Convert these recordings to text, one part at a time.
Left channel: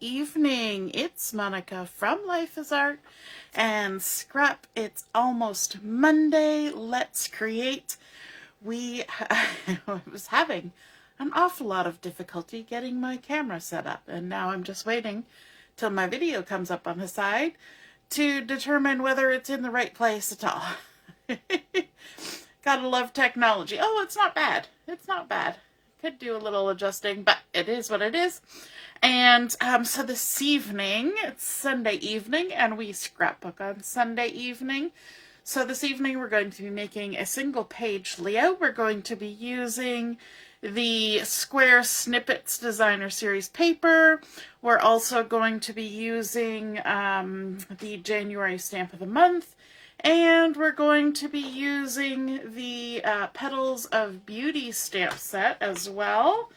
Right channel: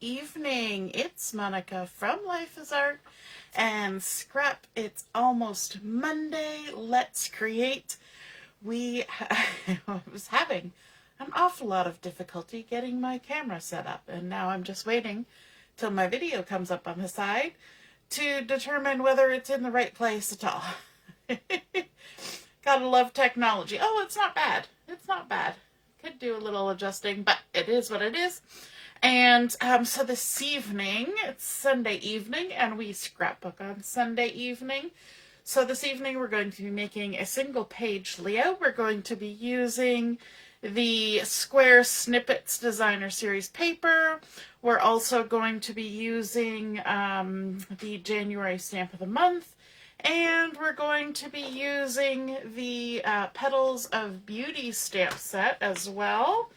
evening. It's Monica from Life is Art and Scrap. It's almost Monday. Let's create. I was having an awful lot of difficulty getting my camera set up, and now I'm just waiting till my video comes up on the side to determine whether it's in the right place at all. Gotta love technology. Oh, it's not bad. It's not bad. Could do a little adjusting, but it is what it is. And so this evening, it's Sunday evening, and we scrapbook on Sunday evening. So this evening we're going to be making a single page layout. We're going to be using the Square Snippets Designer Series paper. We're also going to be using the January stamp of the month. And we're going to be using the Petals of Beauty stamp set as well.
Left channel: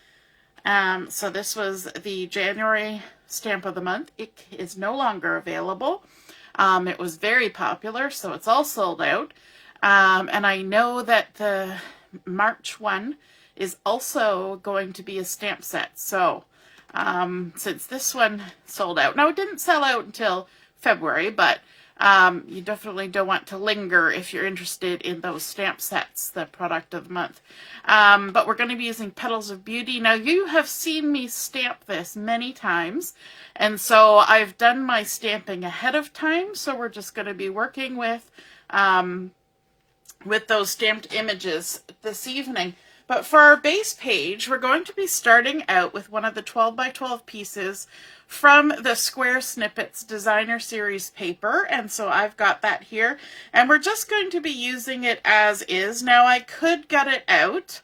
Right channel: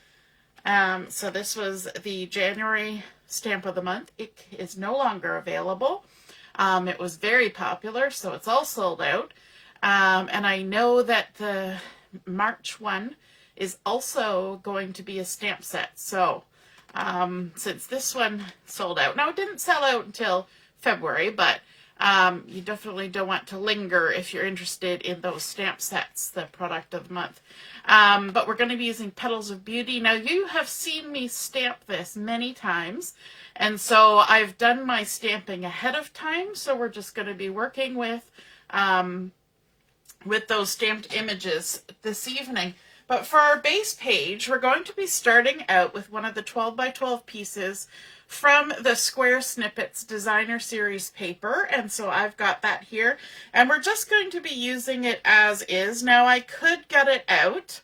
So this was the January stamp of the month. It is no longer available. It was very popular, so it's all sold out. And I know that the March one is also going to be a stamp set. So since this one sold out, now it didn't sell out until February, but you definitely don't want to linger if you're interested in those stamp sets, the product of the month. But we're going to be using Petals of Beauty. Now, you have seen me stamp this many times, and so I've done my stamping ahead of time, so we're just going to be working with those stamped images this evening. But for our base page, we're going to be starting out with one of the 12 by 12 pieces from the Square Snippets Designer Series paper, and so I've got that here, and we're just going to be using it as is. Now, I could gut it out,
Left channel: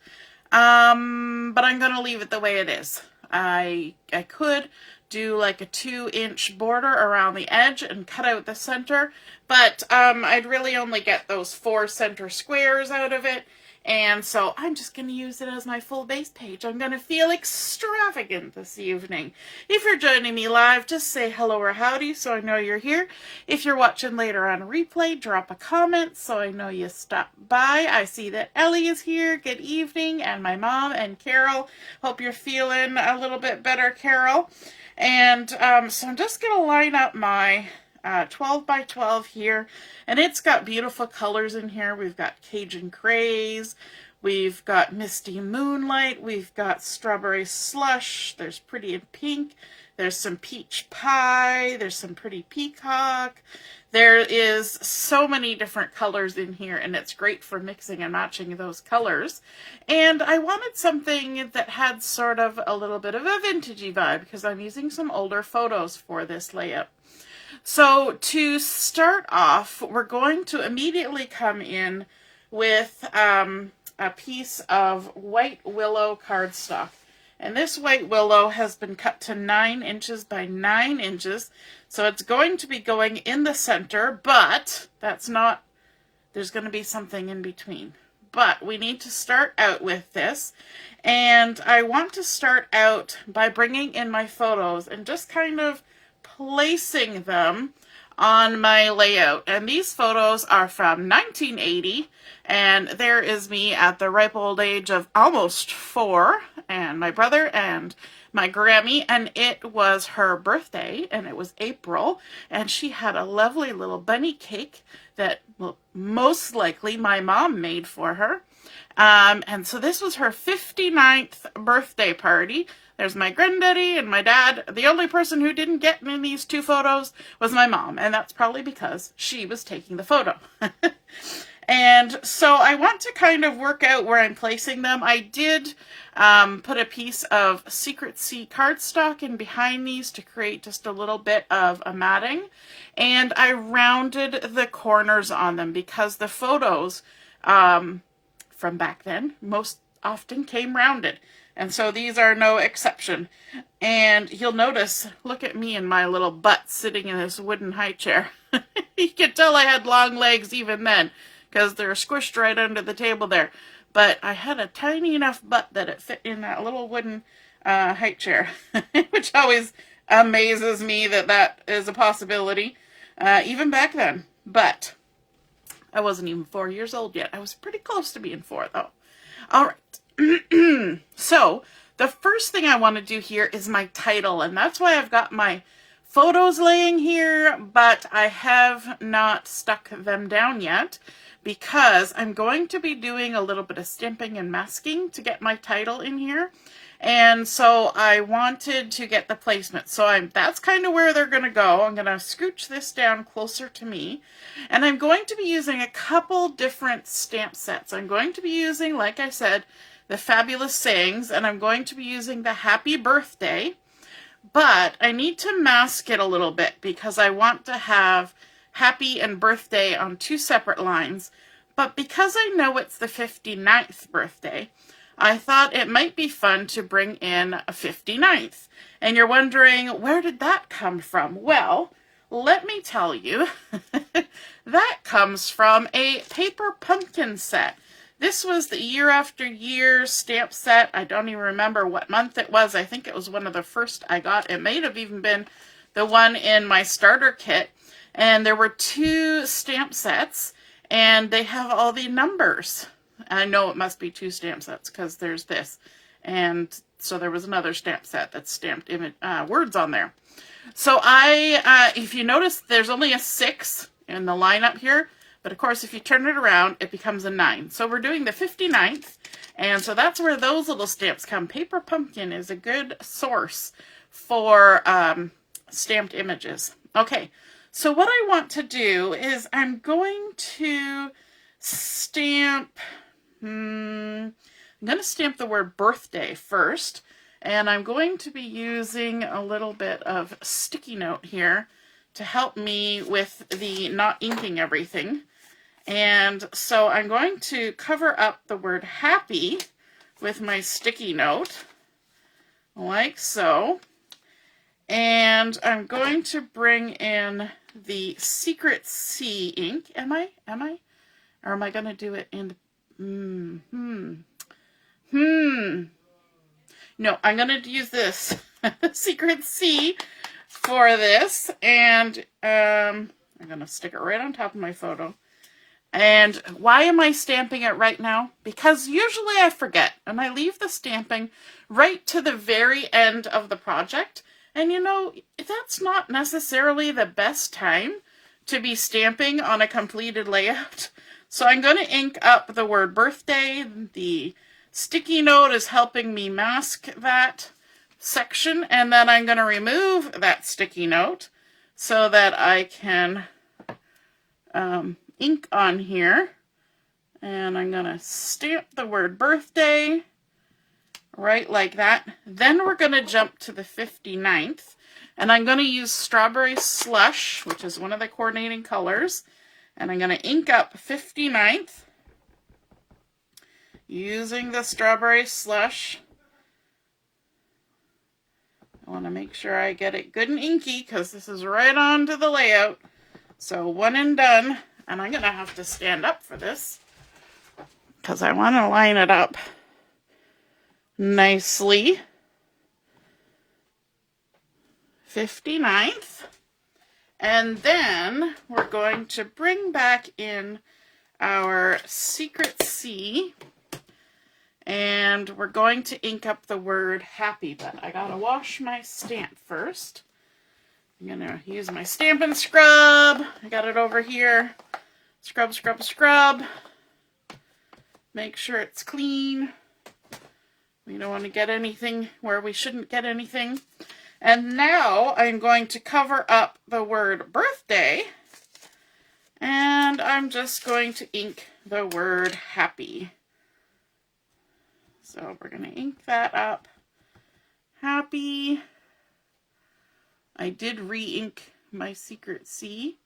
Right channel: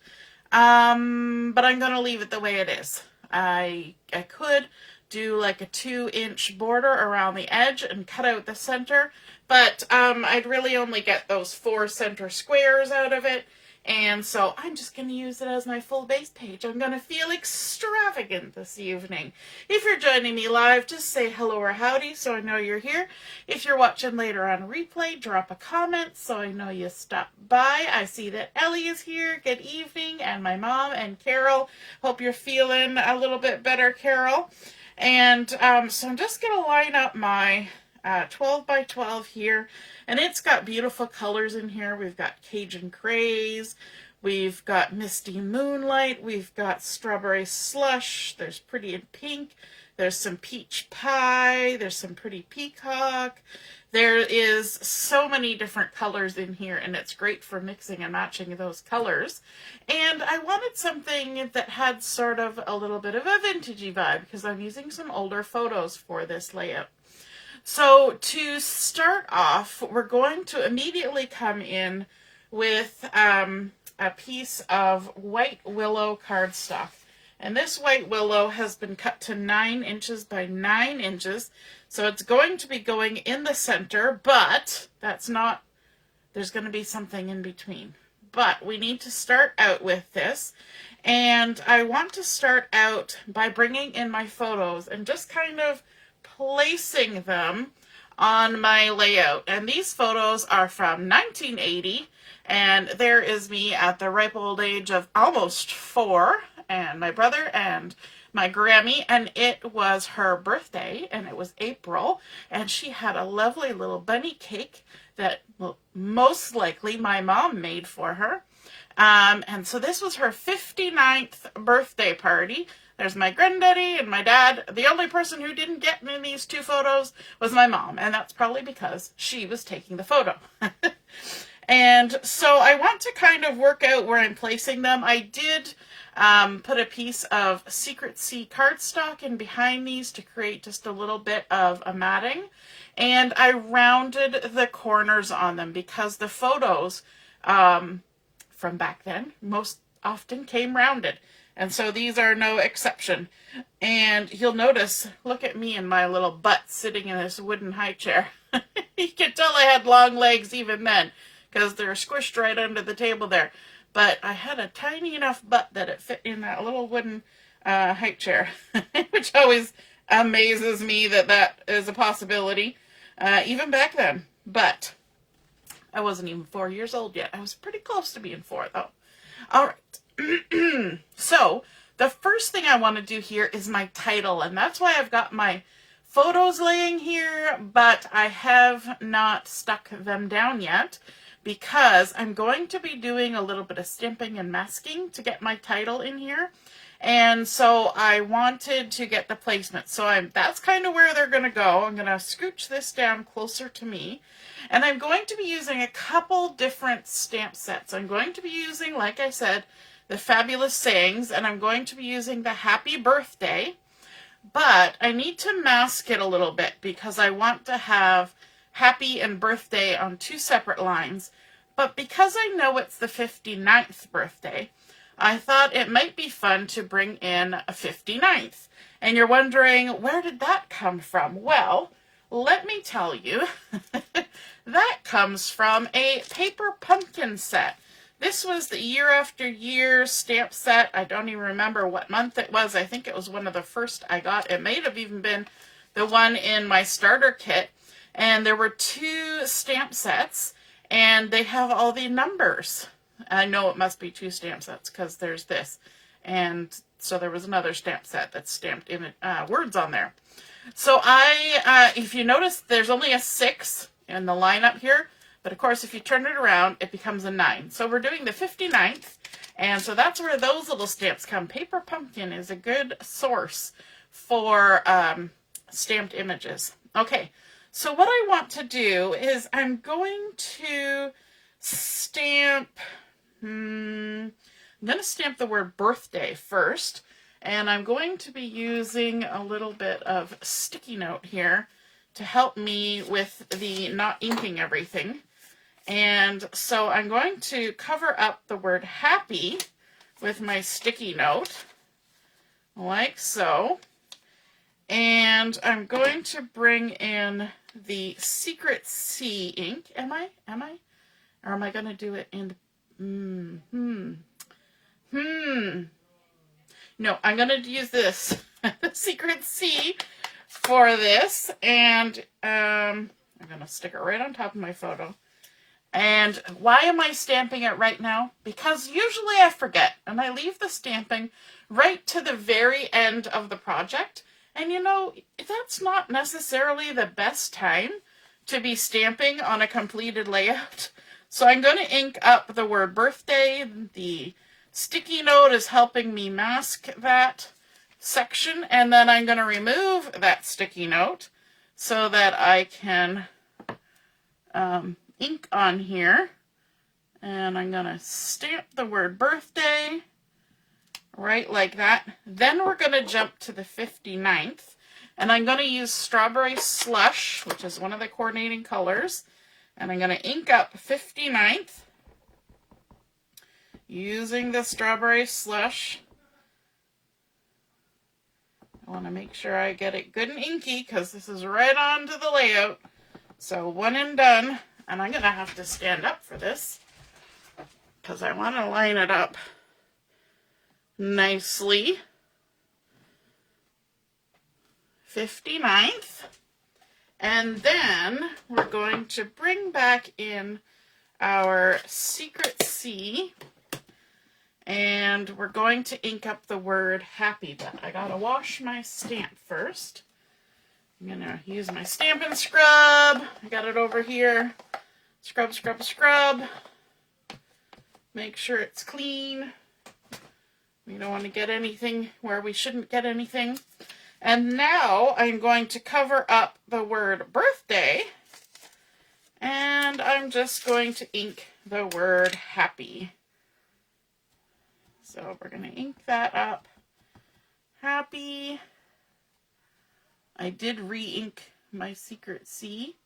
but I'm going to leave it the way it is. I could do like a 2-inch border around the edge and cut out the center, but I'd really only get those 4 center squares out of it. And so I'm just going to use it as my full base page. I'm going to feel extravagant this evening. If you're joining me live, just say hello or howdy so I know you're here. If you're watching later on replay, drop a comment so I know you stopped by. I see that Ellie is here. Good evening. And my mom and Carol. Hope you're feeling a little bit better, Carol. And so I'm just going to line up my 12 by 12 here, and it's got beautiful colors in here. We've got Cajun Craze, we've got Misty Moonlight, we've got Strawberry Slush, there's Pretty in Pink, there's some Peach Pie, there's some Pretty Peacock. There is so many different colors in here, and it's great for mixing and matching those colors. And I wanted something that had sort of a little bit of a vintagey vibe because I'm using some older photos for this layout. So to start off, we're going to immediately come in with a piece of white willow cardstock. And this white willow has been cut to 9 inches by 9 inches. So it's going to be going in the center, but that's not, there's going to be something in between. But we need to start out with this. And I want to start out by bringing in my photos and just kind of placing them on my layout. And these photos are from 1980, and there is me at the ripe old age of almost 4, and my brother and my Grammie, and it was her birthday, and it was April, and she had a lovely little bunny cake that most likely my mom made for her. And so this was her 59th birthday party. There's my granddaddy and my dad. The only person who didn't get in these 2 photos was my mom, and that's probably because she was taking the photo. And so I want to kind of work out where I'm placing them. I did put a piece of Secret Sea cardstock in behind these to create just a little bit of a matting, and I rounded the corners on them because the photos from back then most often came rounded. And so these are no exception. And you'll notice, look at me and my little butt sitting in this wooden high chair. You can tell I had long legs even then, because they're squished right under the table there. But I had a tiny enough butt that it fit in that little wooden high chair, which always amazes me that that is a possibility, even back then. But I wasn't even 4 years old yet. I was pretty close to being 4, though. All right. So the first thing I want to do here is my title, and that's why I've got my photos laying here, but I have not stuck them down yet because I'm going to be doing a little bit of stamping and masking to get my title in here. And so I wanted to get the placement. So that's kind of where they're going to go. I'm going to scooch this down closer to me. And I'm going to be using a couple different stamp sets. I'm going to be using, like I said, the Fabulous Sayings, and I'm going to be using the Happy Birthday. But I need to mask it a little bit because I want to have Happy and Birthday on two separate lines. But because I know it's the 59th birthday, I thought it might be fun to bring in a 59th. And you're wondering, where did that come from? Well, let me tell you, that comes from a paper pumpkin set. This was the Year After Year stamp set. I don't even remember what month it was. I think it was one of the first I got. It may have even been the one in my starter kit. And there were two stamp sets, and they have all the numbers. I know it must be two stamp sets because there's this. And so there was another stamp set that's stamped in words on there. So if you notice, there's only a 6 in the lineup here. But of course, if you turn it around, it becomes a 9. So we're doing the 59th. And so that's where those little stamps come. Paper Pumpkin is a good source for stamped images. Okay, so what I want to do is I'm going to stamp... I'm going to stamp the word birthday first, and I'm going to be using a little bit of sticky note here to help me with the not inking everything. And so I'm going to cover up the word happy with my sticky note, like so. And I'm going to bring in the Secret C ink. Am I? Or am I going to do it in... No, I'm going to use this Secret C for this, and I'm going to stick it right on top of my photo. And why am I stamping it right now? Because usually I forget, and I leave the stamping right to the very end of the project. And you know, that's not necessarily the best time to be stamping on a completed layout. So I'm going to ink up the word birthday. The sticky note is helping me mask that section. And then I'm going to remove that sticky note so that I can ink on here. And I'm going to stamp the word birthday right like that. Then we're going to jump to the 59th. And I'm going to use Strawberry Slush, which is one of the coordinating colors. And I'm going to ink up 59th using the Strawberry Slush. I want to make sure I get it good and inky because this is right on to the layout. So one and done. And I'm going to have to stand up for this because I want to line it up nicely. 59th. And then we're going to bring back in our Secret C, and we're going to ink up the word happy, but I gotta wash my stamp first. I'm gonna use my Stampin' Scrub. I got it over here. Scrub, scrub, scrub. Make sure it's clean. We don't want to get anything where we shouldn't get anything. And now I'm going to cover up the word birthday, and I'm just going to ink the word happy. So we're going to ink that up. Happy. I did re-ink my Secret C,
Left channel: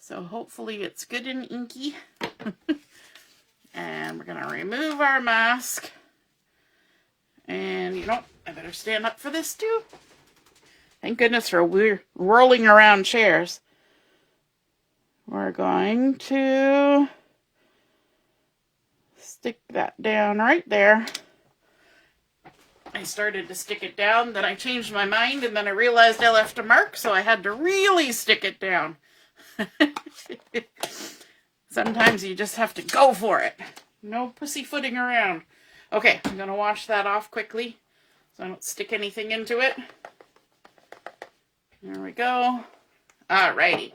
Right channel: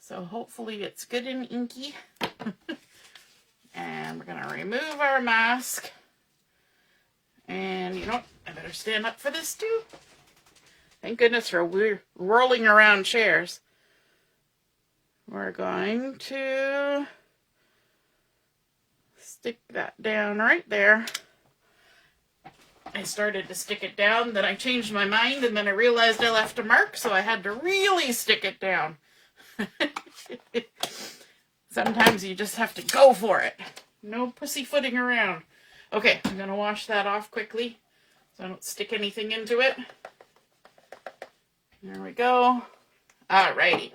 so hopefully it's good and inky. And we're going to remove our mask. And you know, I better stand up for this too. Thank goodness for whirling around chairs. We're going to stick that down right there. I started to stick it down, then I changed my mind, and then I realized I left a mark, so I had to really stick it down. Sometimes you just have to go for it. No pussyfooting around. Okay, I'm going to wash that off quickly. so I don't stick anything into it. There we go. Alrighty.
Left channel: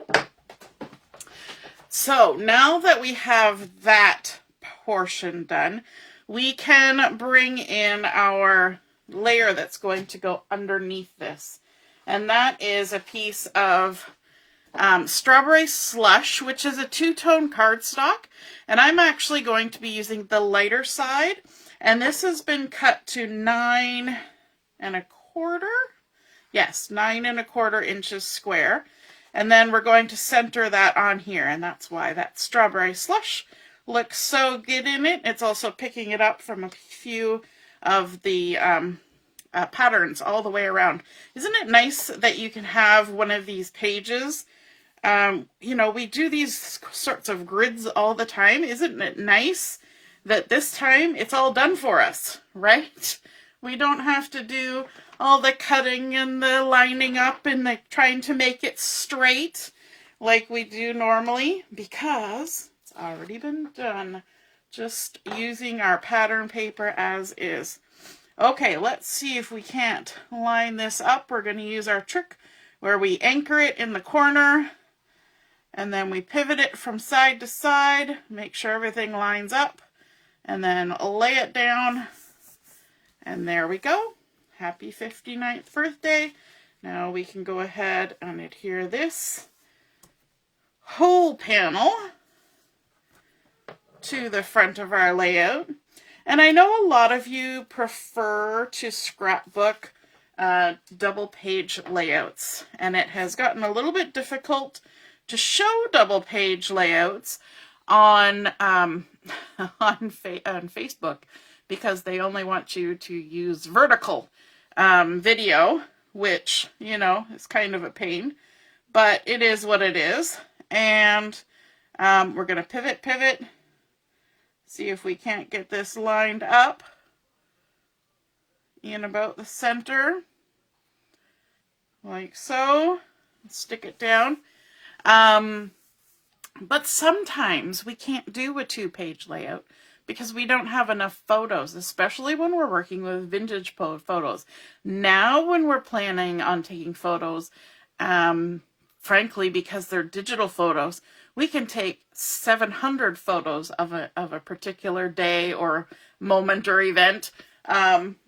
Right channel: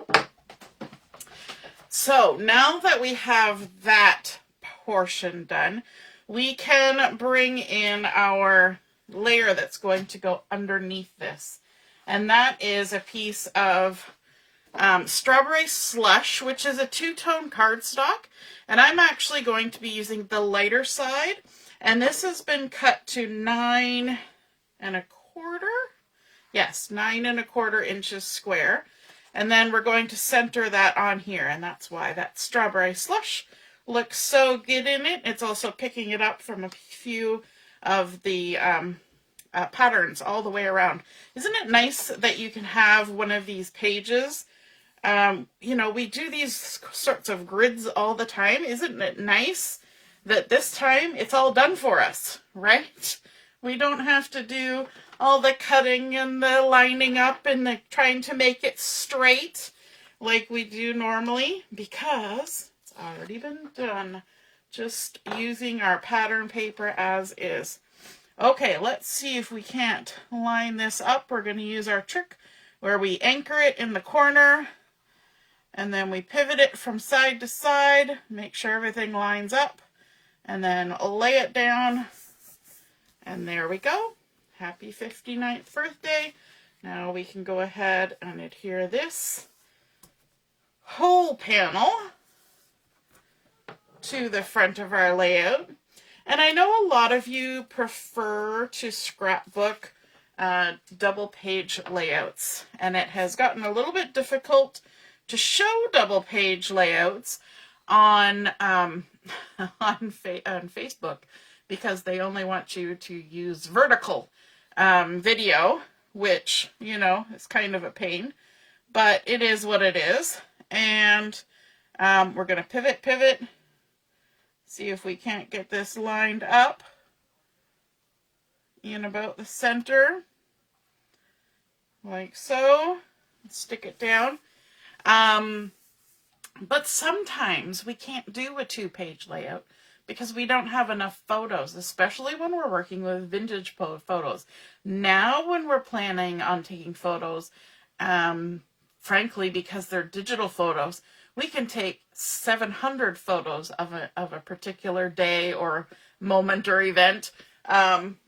So now that we have that portion done, we can bring in our layer that's going to go underneath this. And that is a piece of Strawberry Slush, which is a two-tone cardstock. And I'm actually going to be using the lighter side. And this has been cut to 9 1/4. Yes, 9 1/4 inches square. And then we're going to center that on here. And that's why that Strawberry Slush looks so good in it. It's also picking it up from a few of the patterns all the way around. Isn't it nice that you can have one of these pages? You know, we do these sorts of grids all the time. Isn't it nice that this time it's all done for us, right? We don't have to do all the cutting and the lining up and the trying to make it straight like we do normally, because it's already been done, just using our pattern paper as is. Okay, let's see if we can't line this up. We're going to use our trick where we anchor it in the corner and then we pivot it from side to side, make sure everything lines up, and then lay it down. And there we go. Happy 59th birthday. Now we can go ahead and adhere this whole panel to the front of our layout. And I know a lot of you prefer to scrapbook double page layouts, and it has gotten a little bit difficult to show double page layouts on Facebook, because they only want you to use vertical video, which, you know, is kind of a pain, but it is what it is. And we're going to pivot, see if we can't get this lined up in about the center, like so. Stick it down. But sometimes we can't do a 2-page layout because we don't have enough photos, especially when we're working with vintage photos. Now, when we're planning on taking photos, frankly, because they're digital photos, we can take 700 photos of a particular day or moment or event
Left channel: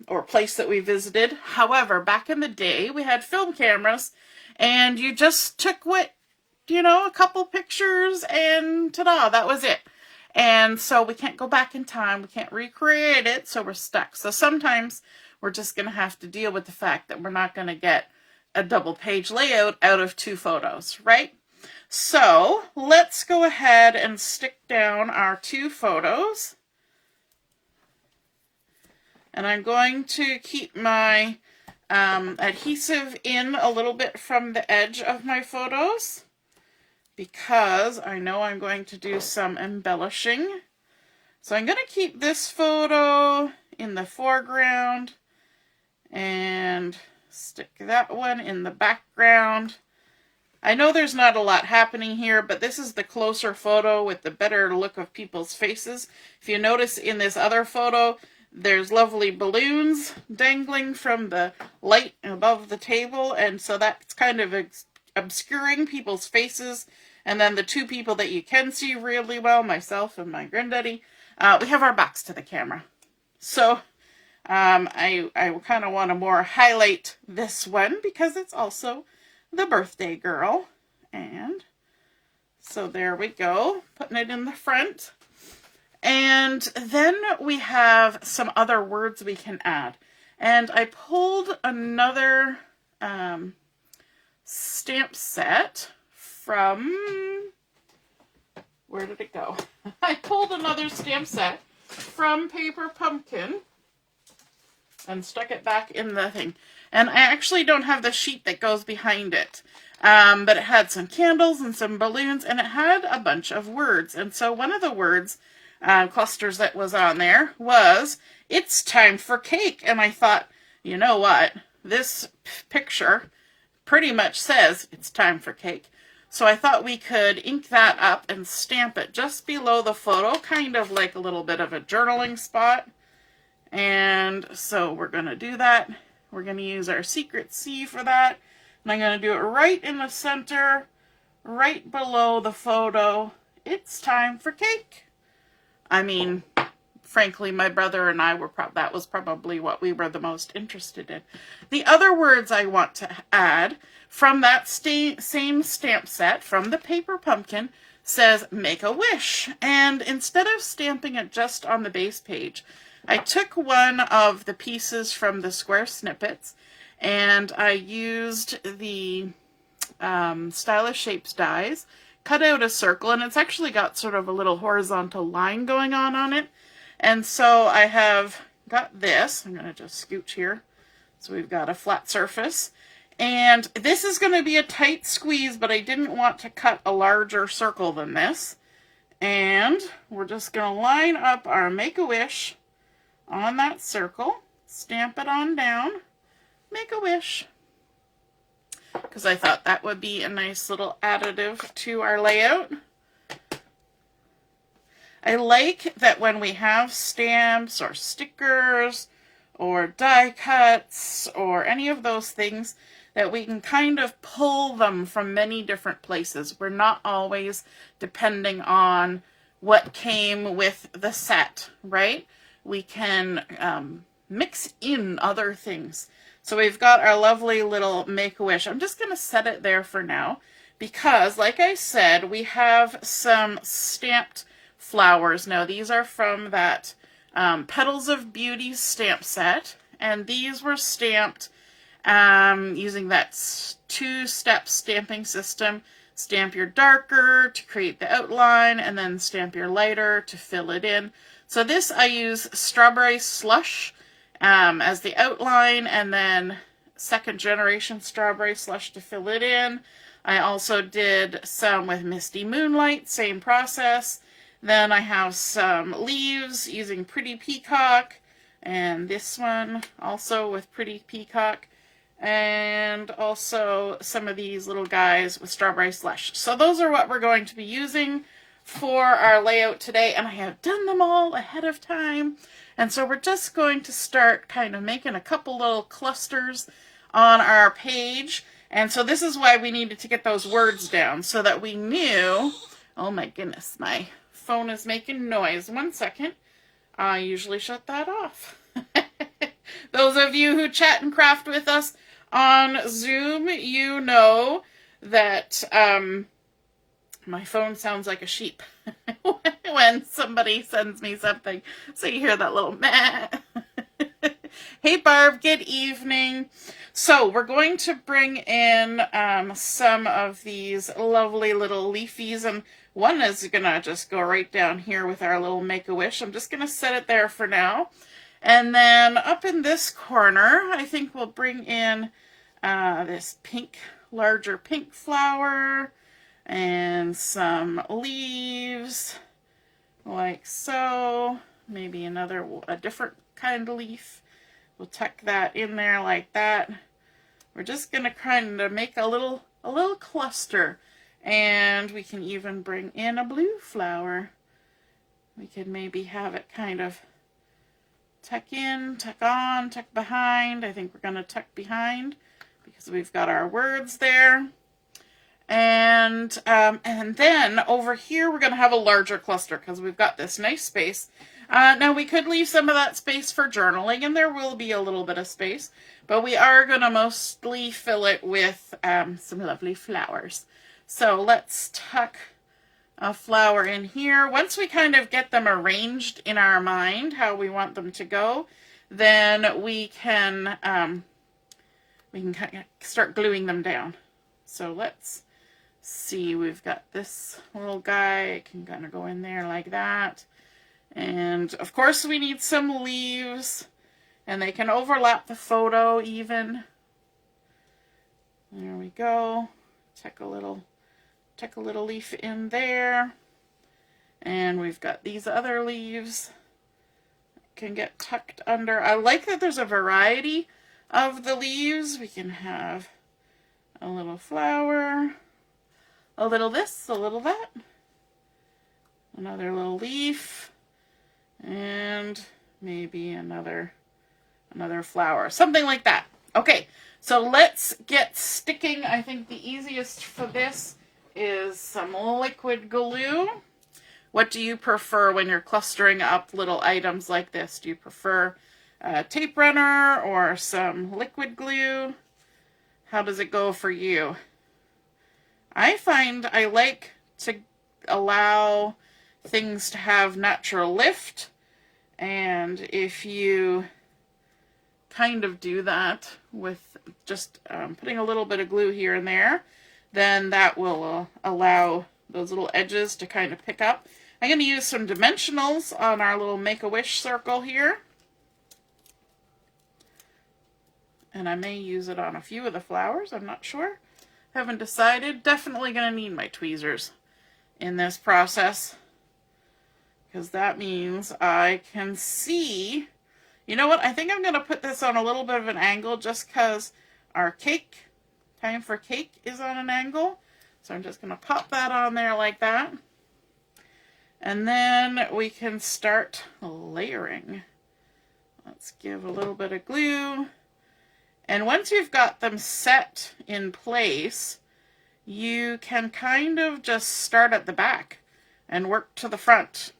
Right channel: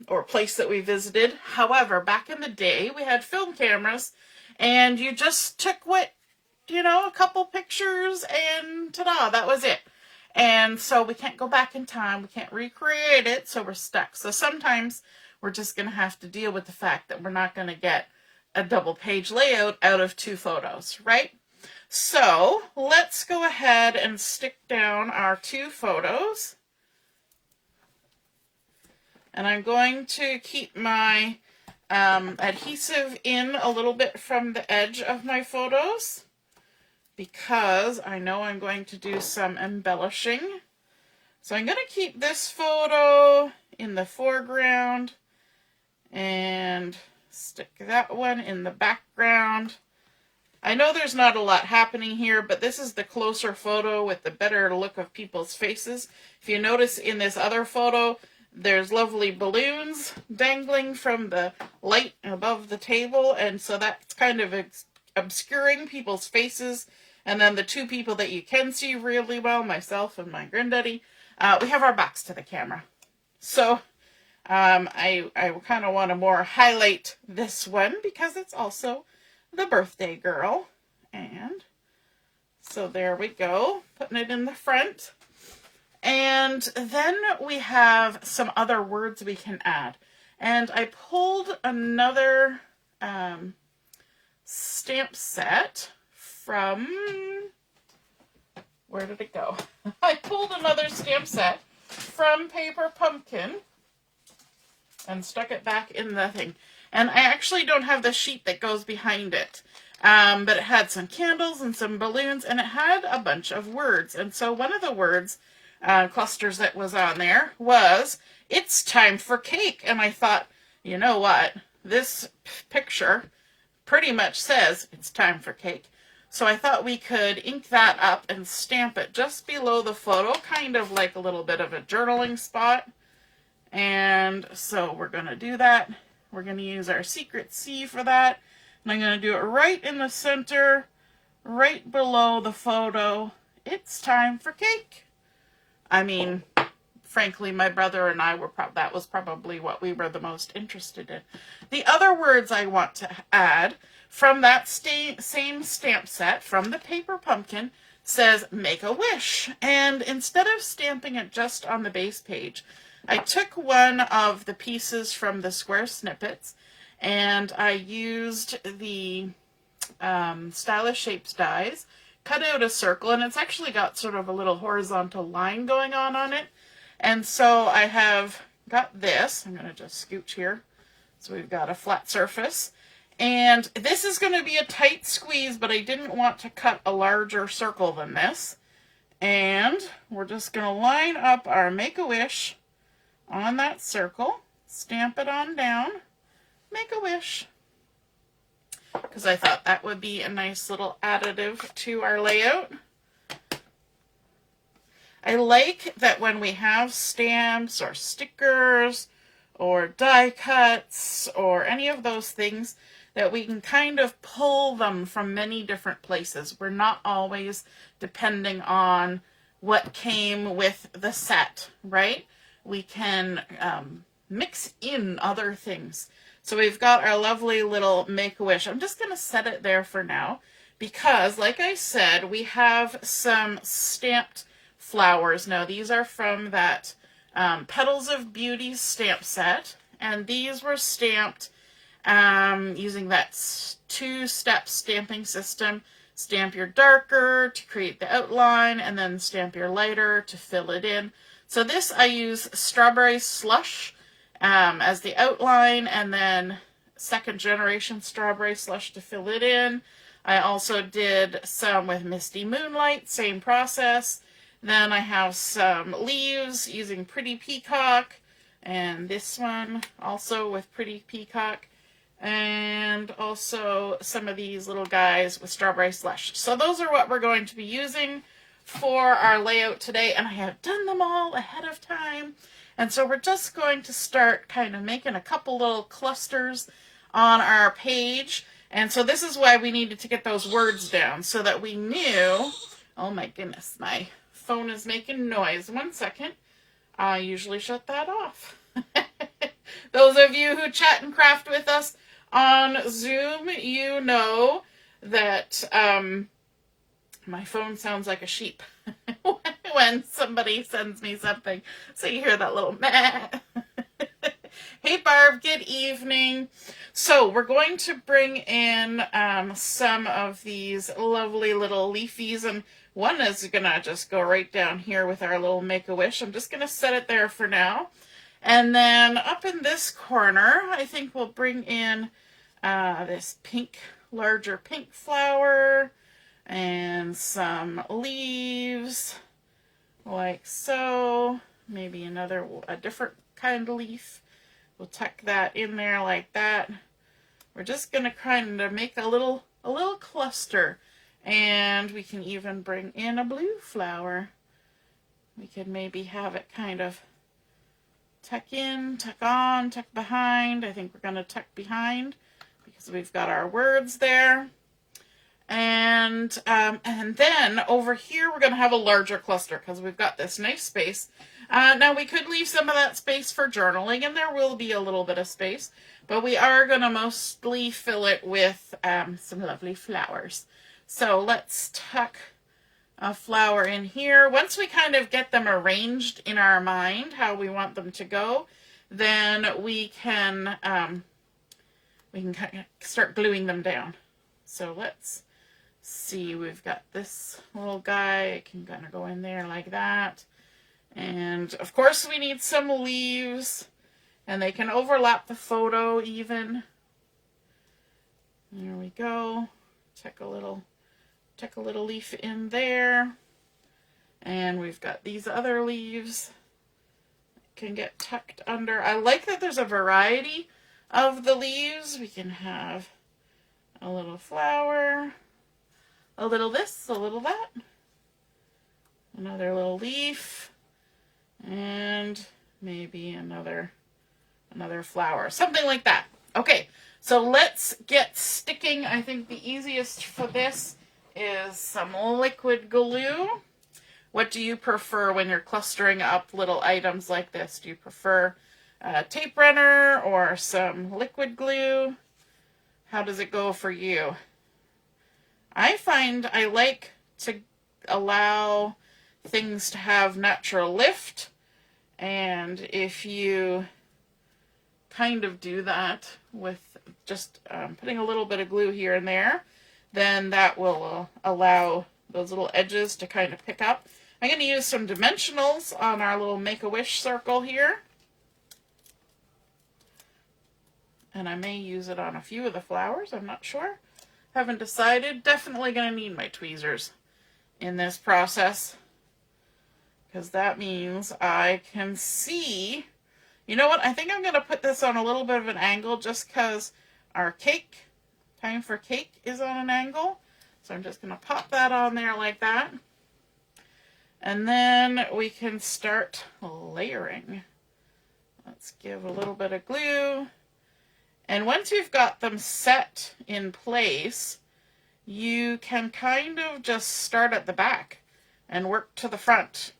or place that we visited. However, back in the day, we had film cameras, and you just took what, you know, a couple pictures, and ta-da, that was it. And so we can't go back in time. We can't recreate it, so we're stuck. So sometimes we're just going to have to deal with the fact that we're not going to get a double page layout out of 2 photos, right? So let's go ahead and stick down our 2 photos. And I'm going to keep my adhesive in a little bit from the edge of my photos, because I know I'm going to do some embellishing. So I'm going to keep this photo in the foreground and stick that one in the background. I know there's not a lot happening here, but this is the closer photo with the better look of people's faces. If you notice in this other photo, there's lovely balloons dangling from the light above the table, and so that's kind of obscuring people's faces. And then the 2 people that you can see really well, myself and my granddaddy, we have our backs to the camera. So I kind of want to more highlight this one because it's also the birthday girl. And so there we go, putting it in the front. And then we have some other words we can add. And I pulled another stamp set from, where did it go? I pulled another stamp set from Paper Pumpkin and stuck it back in the thing. And I actually don't have the sheet that goes behind it. But it had some candles and some balloons, and it had a bunch of words. And so one of the words clusters that was on there was, "It's time for cake." And I thought, you know what? This picture pretty much says it's time for cake. So I thought we could ink that up and stamp it just below the photo, kind of like a little bit of a journaling spot. And so we're going to do that. We're going to use our secret C for that. And I'm going to do it right in the center, right below the photo. It's time for cake. I mean, frankly, my brother and I were that was probably what we were the most interested in. The other words I want to add from that same stamp set, from the paper pumpkin, says make a wish. And instead of stamping it just on the base page, I took one of the pieces from the Square Snippets and I used the Stylish Shapes dies, cut out a circle, and it's actually got sort of a little horizontal line going on it. And so I have got this. I'm going to just scooch here. So we've got a flat surface. And this is going to be a tight squeeze, but I didn't want to cut a larger circle than this. And we're just going to line up our Make-A-Wish on that circle, stamp it on down, make a wish. Because I thought that would be a nice little additive to our layout. I like that when we have stamps or stickers or die cuts or any of those things, that we can kind of pull them from many different places. We're not always depending on what came with the set, right? We can mix in other things. So we've got our lovely little Make-A-Wish. I'm just going to set it there for now because, like I said, we have some stamped flowers. Now, these are from that Petals of Beauty stamp set, and these were stamped using that two-step stamping system. Stamp your darker to create the outline, and then stamp your lighter to fill it in. So this, I use Strawberry Slush as the outline, and then second generation Strawberry Slush to fill it in. I also did some with Misty Moonlight, same process. Then I have some leaves using Pretty Peacock, and this one also with Pretty Peacock, and also some of these little guys with Strawberry Slush. So those are what we're going to be using for our layout today, and I have done them all ahead of time. And so we're just going to start kind of making a couple little clusters on our page. And so this is why we needed to get those words down, so that we knew, oh my goodness, my phone is making noise. 1 second. I usually shut that off. Those of you who chat and craft with us on Zoom, you know that my phone sounds like a sheep when somebody sends me something. So you hear that little meh. Hey Barb, good evening. So we're going to bring in some of these lovely little leafies, and one is going to just go right down here with our little Make-A-Wish. I'm just going to set it there for now. And then up in this corner, I think we'll bring in this pink, larger pink flower and some leaves like so. Maybe a different kind of leaf. We'll tuck that in there like that. We're just going to kind of make a little cluster. And we can even bring in a blue flower. We could maybe have it kind of tuck in, tuck on, tuck behind. I think we're going to tuck behind because we've got our words there. And then over here we're going to have a larger cluster because we've got this nice space. Now we could leave some of that space for journaling, and there will be a little bit of space, but we are going to mostly fill it with some lovely flowers. So let's tuck a flower in here. Once we kind of get them arranged in our mind, how we want them to go, then we can kind of start gluing them down. So let's see, we've got this little guy. It can kind of go in there like that. And of course we need some leaves, and they can overlap the photo even. There we go. Tuck a little leaf in there. And we've got these other leaves that can get tucked under. I like that there's a variety of the leaves. We can have a little flower, a little this, a little that, another little leaf, and maybe another flower, something like that. Okay, so let's get sticking. I think the easiest for this is some liquid glue. What do you prefer when you're clustering up little items like this? Do you prefer a tape runner or some liquid glue? How does it go for you? I find I like to allow things to have natural lift, and if you kind of do that with just putting a little bit of glue here and there, then that will allow those little edges to kind of pick up. I'm going to use some dimensionals on our little Make-A-Wish circle here. And I may use it on a few of the flowers, I'm not sure. Haven't decided. Definitely going to need my tweezers in this process, because that means I can see. You know what? I think I'm going to put this on a little bit of an angle just because our cake, time for cake, is on an angle. So I'm just going to pop that on there like that. And then we can start layering. Let's give a little bit of glue. And once you've got them set in place, you can kind of just start at the back and work to the front,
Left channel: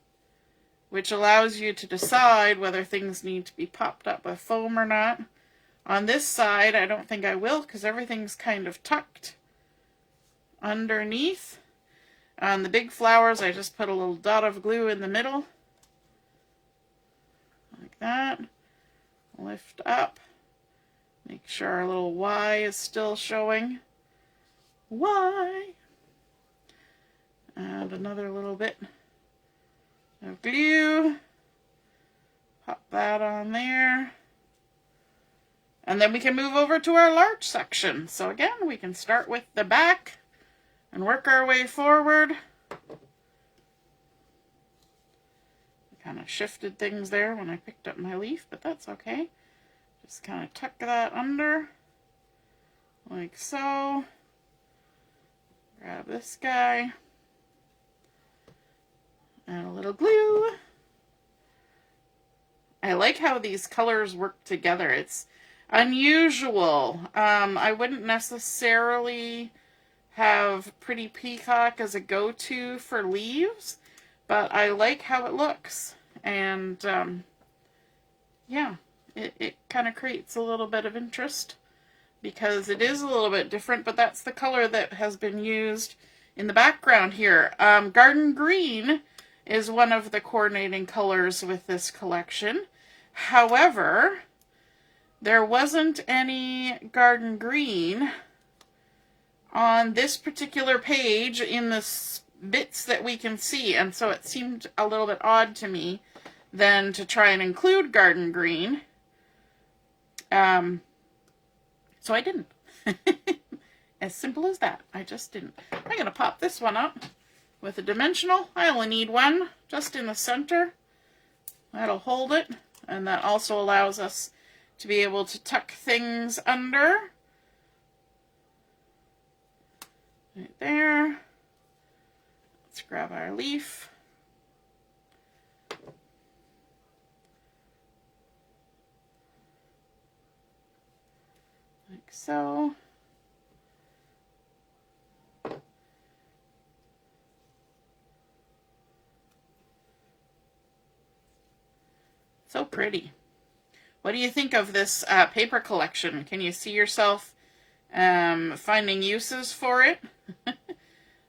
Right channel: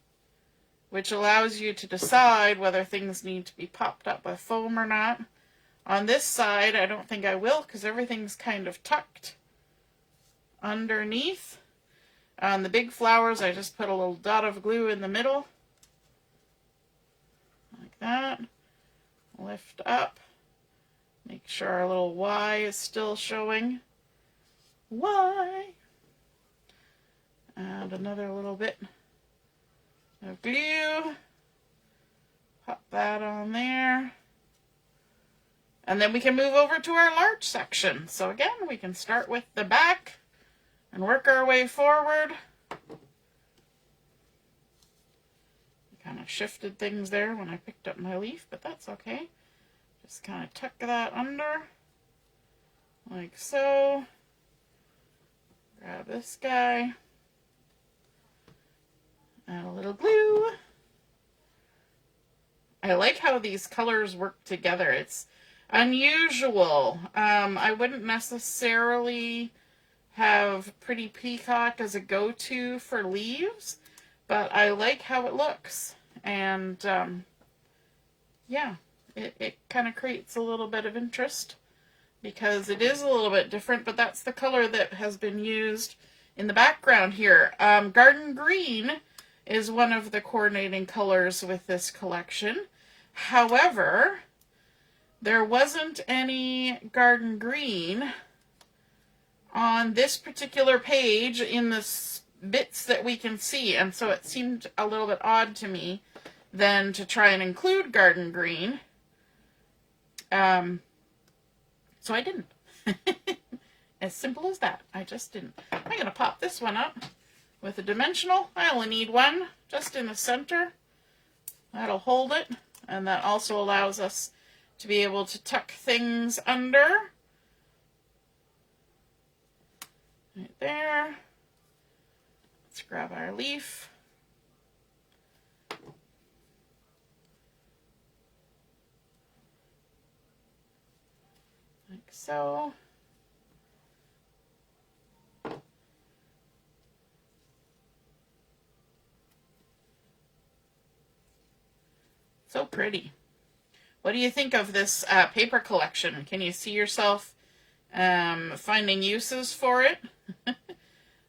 which allows you to decide whether things need to be popped up with foam or not. On this side, I don't think I will, because everything's kind of tucked underneath. On the big flowers, I just put a little dot of glue in the middle, like that. Lift up. Make sure our little Y is still showing. Y. Add another little bit of glue. Pop that on there. And then we can move over to our large section. So again, we can start with the back and work our way forward. I kind of shifted things there when I picked up my leaf, but that's okay. Just kind of tuck that under, like so. Grab this guy. Add a little glue. I like how these colors work together. It's unusual. I wouldn't necessarily have Pretty Peacock as a go-to for leaves, but I like how it looks. And yeah, it kind of creates a little bit of interest because it is a little bit different, but that's the color that has been used in the background here. Garden Green is one of the coordinating colors with this collection. However, there wasn't any Garden Green on this particular page in the bits that we can see, and so it seemed a little bit odd to me then to try and include Garden Green. So I didn't. As simple as that. I just didn't. I'm going to pop this one up with a dimensional. I only need one just in the center. That'll hold it, and that also allows us to be able to tuck things under. Right there. Let's grab our leaf. Like so. So pretty. What do you think of this paper collection? Can you see yourself finding uses for it?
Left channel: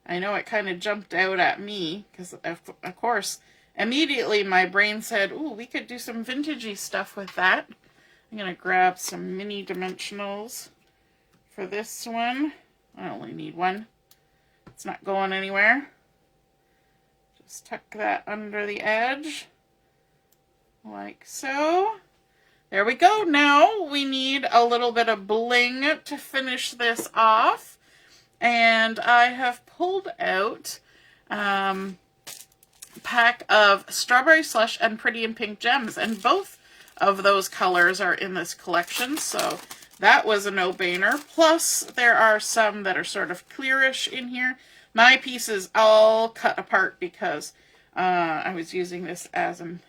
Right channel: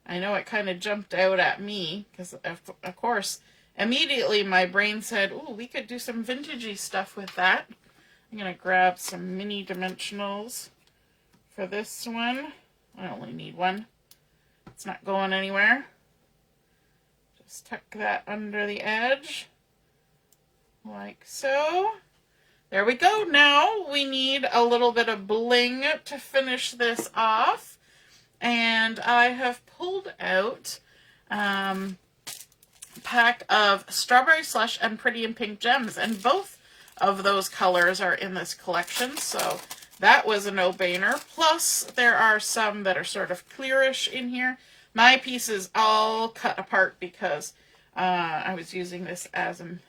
I know it kind of jumped out at me because, of course, immediately my brain said, ooh, we could do some vintagey stuff with that. I'm going to grab some mini dimensionals for this one. I only need one. It's not going anywhere. Just tuck that under the edge, like so. There we go. Now we need a little bit of bling to finish this off. And I have pulled out a pack of Strawberry Slush and Pretty in Pink Gems. And both of those colors are in this collection. So that was a no-brainer. Plus, there are some that are sort of clearish in here. My piece is all cut apart because I was using this as an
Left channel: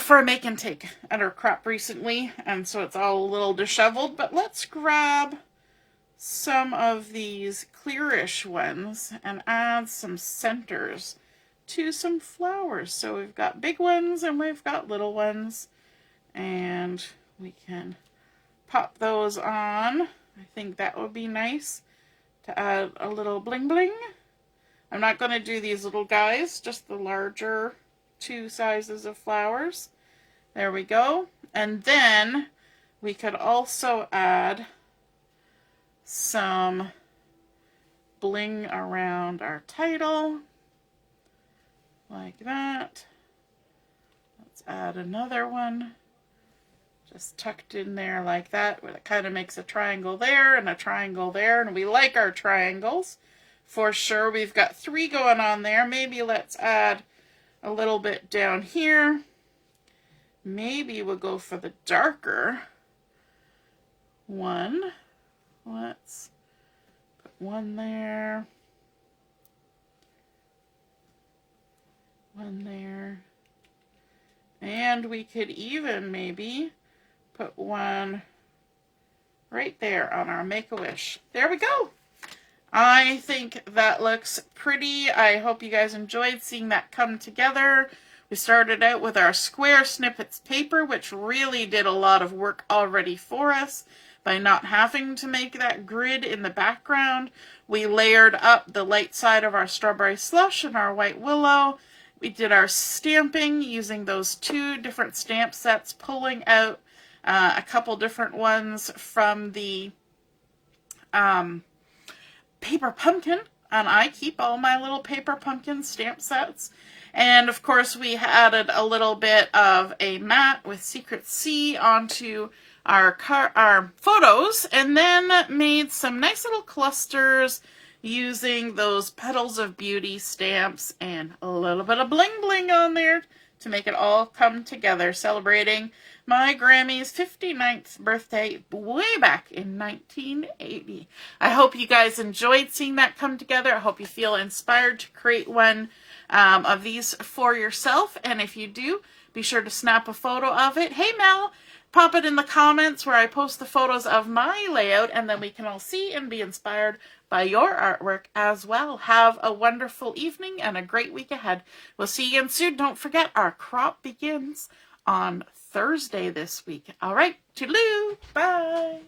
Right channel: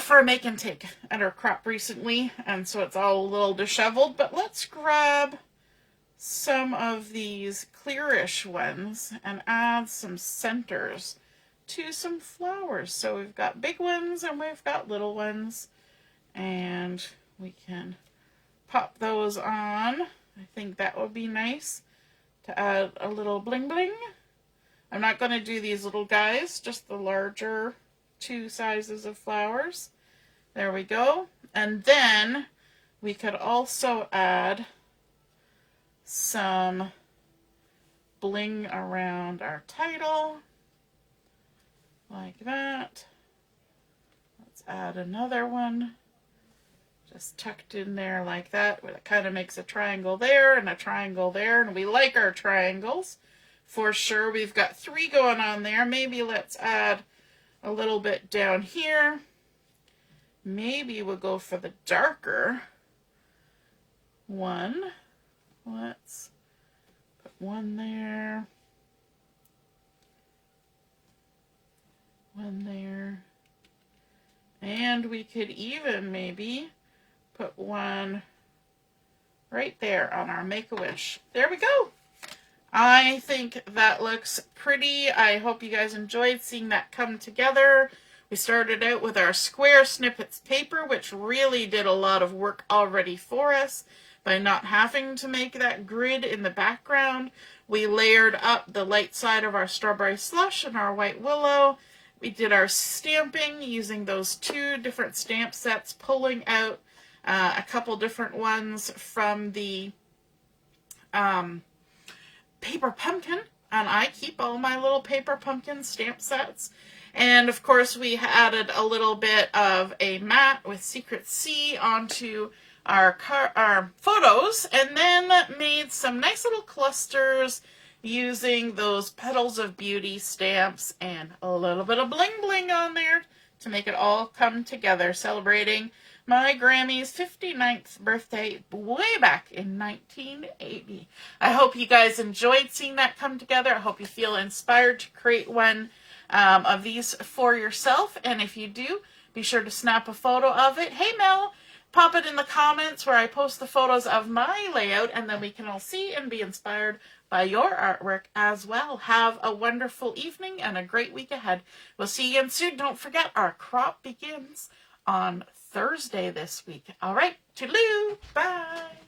for a make and take at our crop recently, and so it's all a little disheveled. But let's grab some of these clearish ones and add some centers to some flowers. So we've got big ones and we've got little ones, and we can pop those on. I think that would be nice to add a little bling bling. I'm not going to do these little guys, just the larger 2 sizes of flowers. There we go. And then we could also add some bling around our title, like that. Let's add another one, just tucked in there like that, where it kind of makes a triangle there and a triangle there, and we like our triangles for sure. We've got 3 going on there. Maybe let's add a little bit down here. Maybe we'll go for the darker one. Let's put 1 there, 1 there, and we could even maybe put 1 right there on our Make-A-Wish. There we go. I think that looks pretty. I hope you guys enjoyed seeing that come together. We started out with our Square Snippets paper, which really did a lot of work already for us by not having to make that grid in the background. We layered up the light side of our Strawberry Slush and our White Willow. We did our stamping using those 2 different stamp sets, pulling out a couple different ones from the paper pumpkin, and I keep all my little paper pumpkin stamp sets. And of course we added a little bit of a mat with Secret C onto our photos, and then made some nice little clusters using those Petals of Beauty stamps and a little bit of bling bling on there to make it all come together, celebrating my Grammie's 59th birthday way back in 1980. I hope you guys enjoyed seeing that come together. I hope you feel inspired to create one of these for yourself, and if you do, be sure to snap a photo of it. Hey Mel, pop it in the comments where I post the photos of my layout, and then we can all see and be inspired by your artwork as well. Have a wonderful evening and a great week ahead. We'll see you again soon. Don't forget, our crop begins on Thursday this week. All right, toodaloo, bye.